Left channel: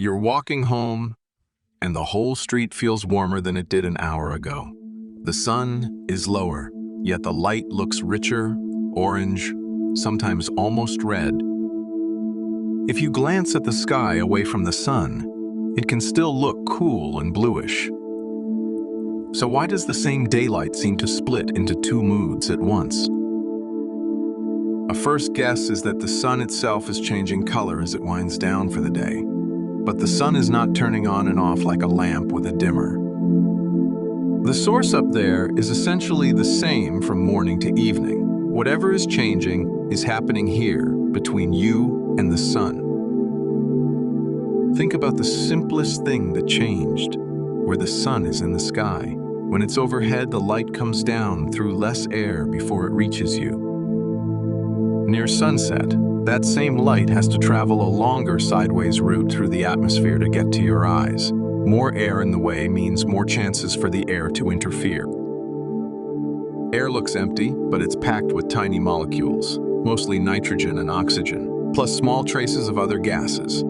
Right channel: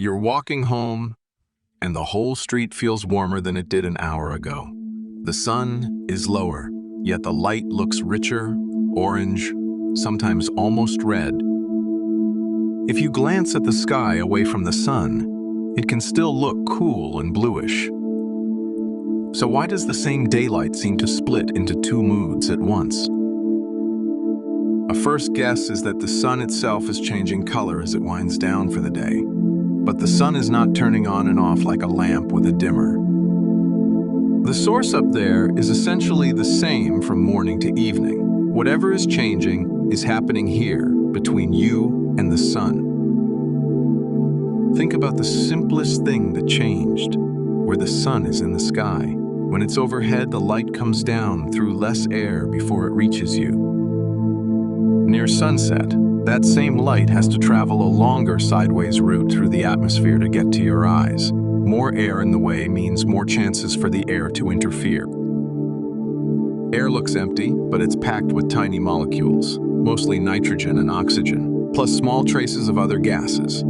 You're walking home, and the whole street feels warmer than it did an hour ago. The sun is lower, yet the light looks richer, orange, sometimes almost red. If you glance at the sky away from the sun, it can still look cool and bluish. So why does the same daylight seem to split into two moods at once? A first guess is that the sun itself is changing color as it winds down for the day. But the sun is not turning on and off like a lamp with a dimmer. The source up there is essentially the same from morning to evening. Whatever is changing is happening here, between you and the sun. Think about the simplest thing that changed, where the sun is in the sky. When it's overhead, the light comes down through less air before it reaches you. Near sunset, that same light has to travel a longer sideways route through the atmosphere to get to your eyes. More air in the way means more chances for the air to interfere. Air looks empty, but it's packed with tiny molecules, mostly nitrogen and oxygen, plus small traces of other gases.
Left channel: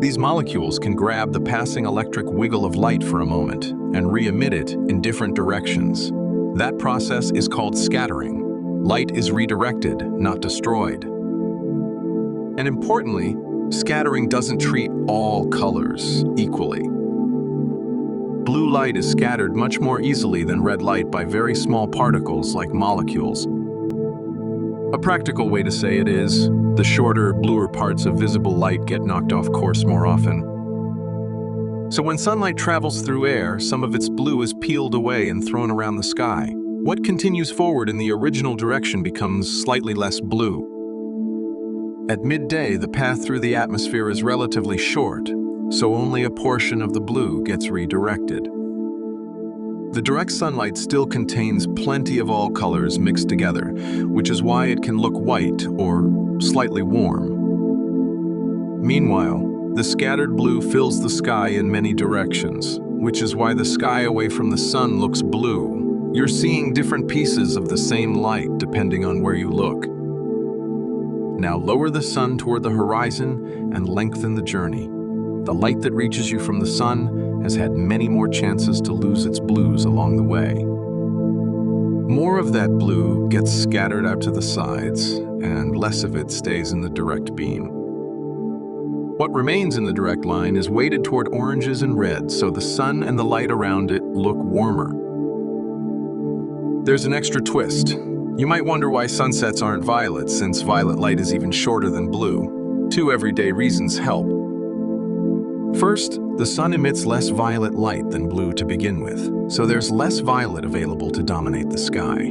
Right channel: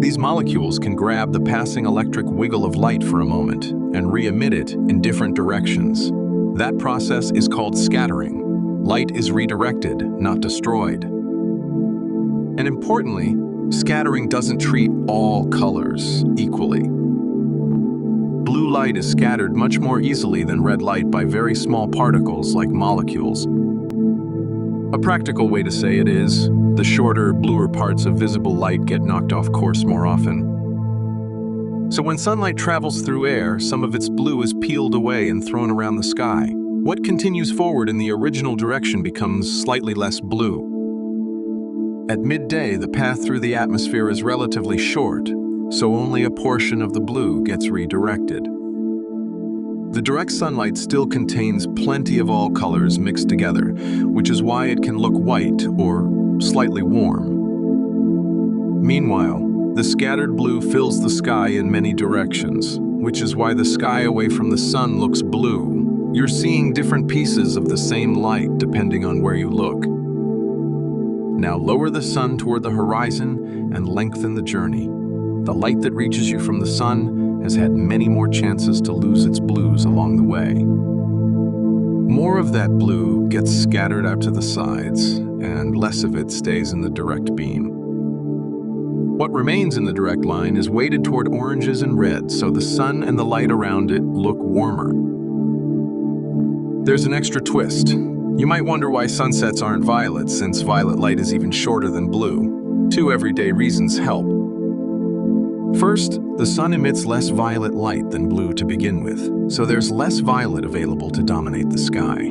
These molecules can grab the passing electric wiggle of light for a moment and re-emit it in different directions. That process is called scattering. Light is redirected, not destroyed. And importantly, scattering doesn't treat all colors equally. Blue light is scattered much more easily than red light by very small particles like molecules. A practical way to say it is, the shorter, bluer parts of visible light get knocked off course more often. So when sunlight travels through air, some of its blue is peeled away and thrown around the sky. What continues forward in the original direction becomes slightly less blue. At midday, the path through the atmosphere is relatively short, so only a portion of the blue gets redirected. The direct sunlight still contains plenty of all colors mixed together, which is why it can look white or slightly warm. Meanwhile, the scattered blue fills the sky in many directions, which is why the sky away from the sun looks blue. You're seeing different pieces of the same light depending on where you look. Now lower the sun toward the horizon and lengthen the journey. The light that reaches you from the sun has had many more chances to lose its blues along the way. More of that blue gets scattered out to the sides, and less of it stays in the direct beam. What remains in the direct line is weighted toward oranges and reds, so the sun and the light around it look warmer. There's an extra twist. You might wonder why sunsets aren't violet, since violet light is even shorter than blue. Two everyday reasons help. First, the sun emits less violet light than blue to begin with, so there's less violet available to dominate the sky.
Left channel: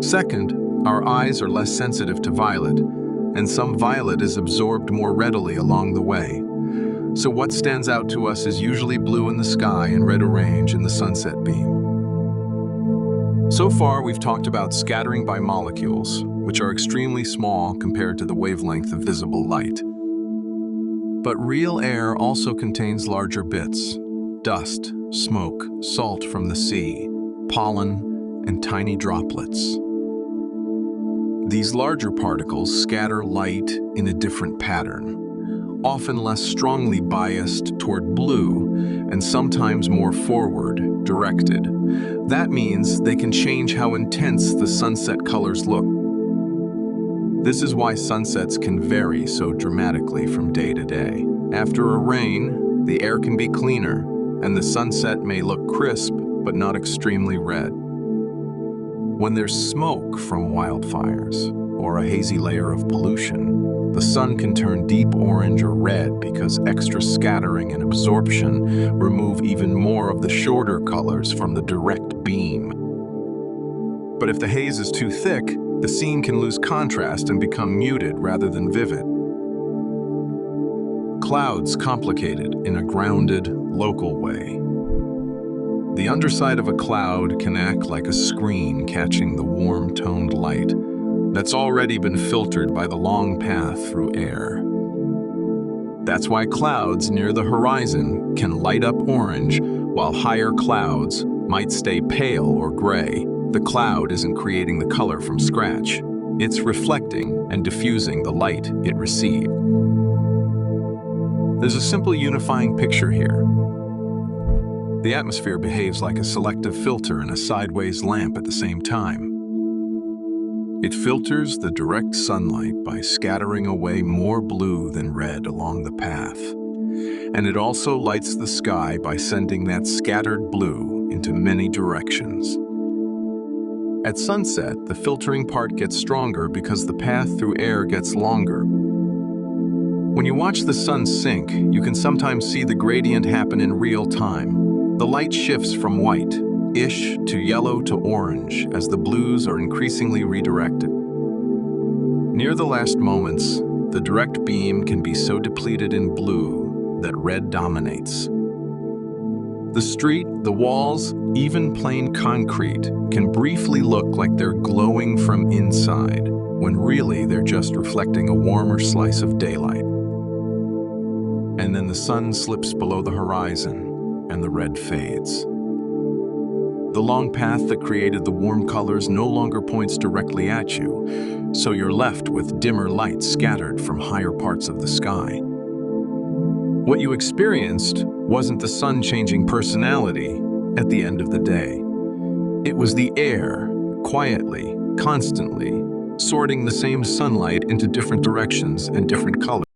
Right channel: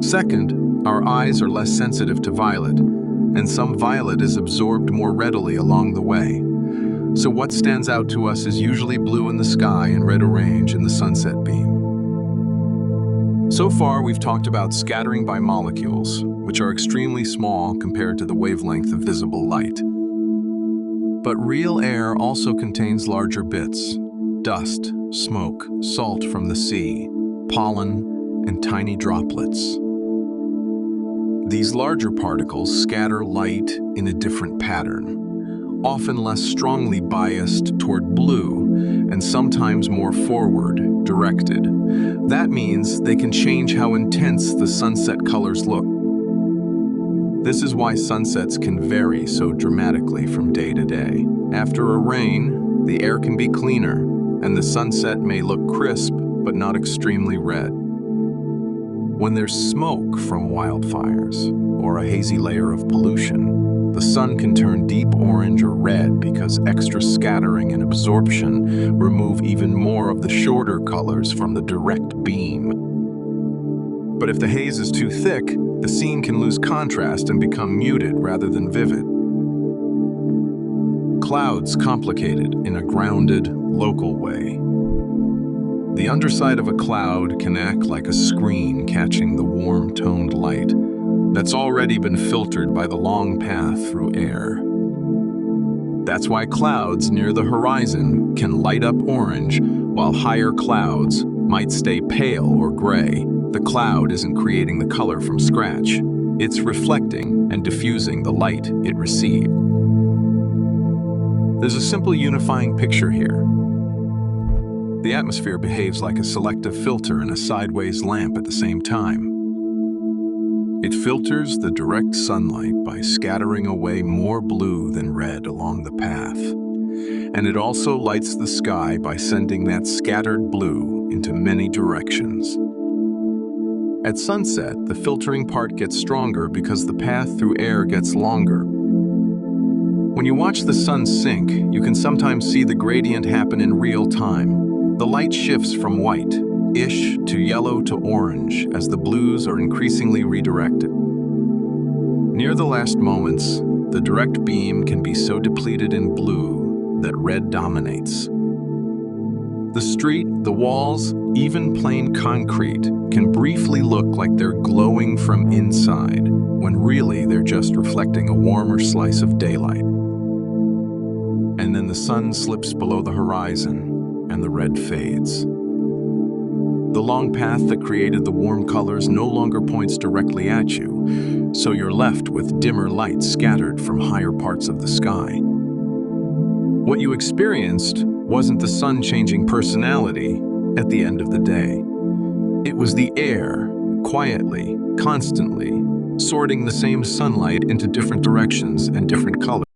Second, our eyes are less sensitive to violet, and some violet is absorbed more readily along the way. So what stands out to us is usually blue in the sky and red orange in the sunset beam. So far, we've talked about scattering by molecules, which are extremely small compared to the wavelength of visible light. But real air also contains larger bits: dust, smoke, salt from the sea, pollen, and tiny droplets. These larger particles scatter light in a different pattern, often less strongly biased toward blue and sometimes more forward, directed. That means they can change how intense the sunset colors look. This is why sunsets can vary so dramatically from day to day. After a rain, the air can be cleaner, and the sunset may look crisp but not extremely red. When there's smoke from wildfires or a hazy layer of pollution, the sun can turn deep orange or red because extra scattering and absorption remove even more of the shorter colors from the direct beam. But if the haze is too thick, the scene can lose contrast and become muted rather than vivid. Clouds complicated in a grounded, local way. The underside of a cloud can act like a screen catching the warm-toned light that's already been filtered by the long path through air. That's why clouds near the horizon can light up orange, while higher clouds might stay pale or gray. The cloud isn't creating the color from scratch. It's reflecting and diffusing the light it received. There's a simple unifying picture here. The atmosphere behaves like a selective filter and a sideways lamp at the same time. It filters the direct sunlight by scattering away more blue than red along the path. And it also lights the sky by sending that scattered blue into many directions. At sunset, the filtering part gets stronger because the path through air gets longer. When you watch the sun sink, you can sometimes see the gradient happen in real time. The light shifts from white-ish to yellow to orange as the blues are increasingly redirected. Near the last moments, the direct beam can be so depleted in blue that red dominates. The street, the walls, even plain concrete can briefly look like they're glowing from inside, when really they're just reflecting a warmer slice of daylight. And then the sun slips below the horizon, and the red fades. The long path that created the warm colors no longer points directly at you, so you're left with dimmer light scattered from higher parts of the sky. What you experienced wasn't the sun changing personality at the end of the day. It was the air, quietly, constantly, sorting the same sunlight into different directions and different colors.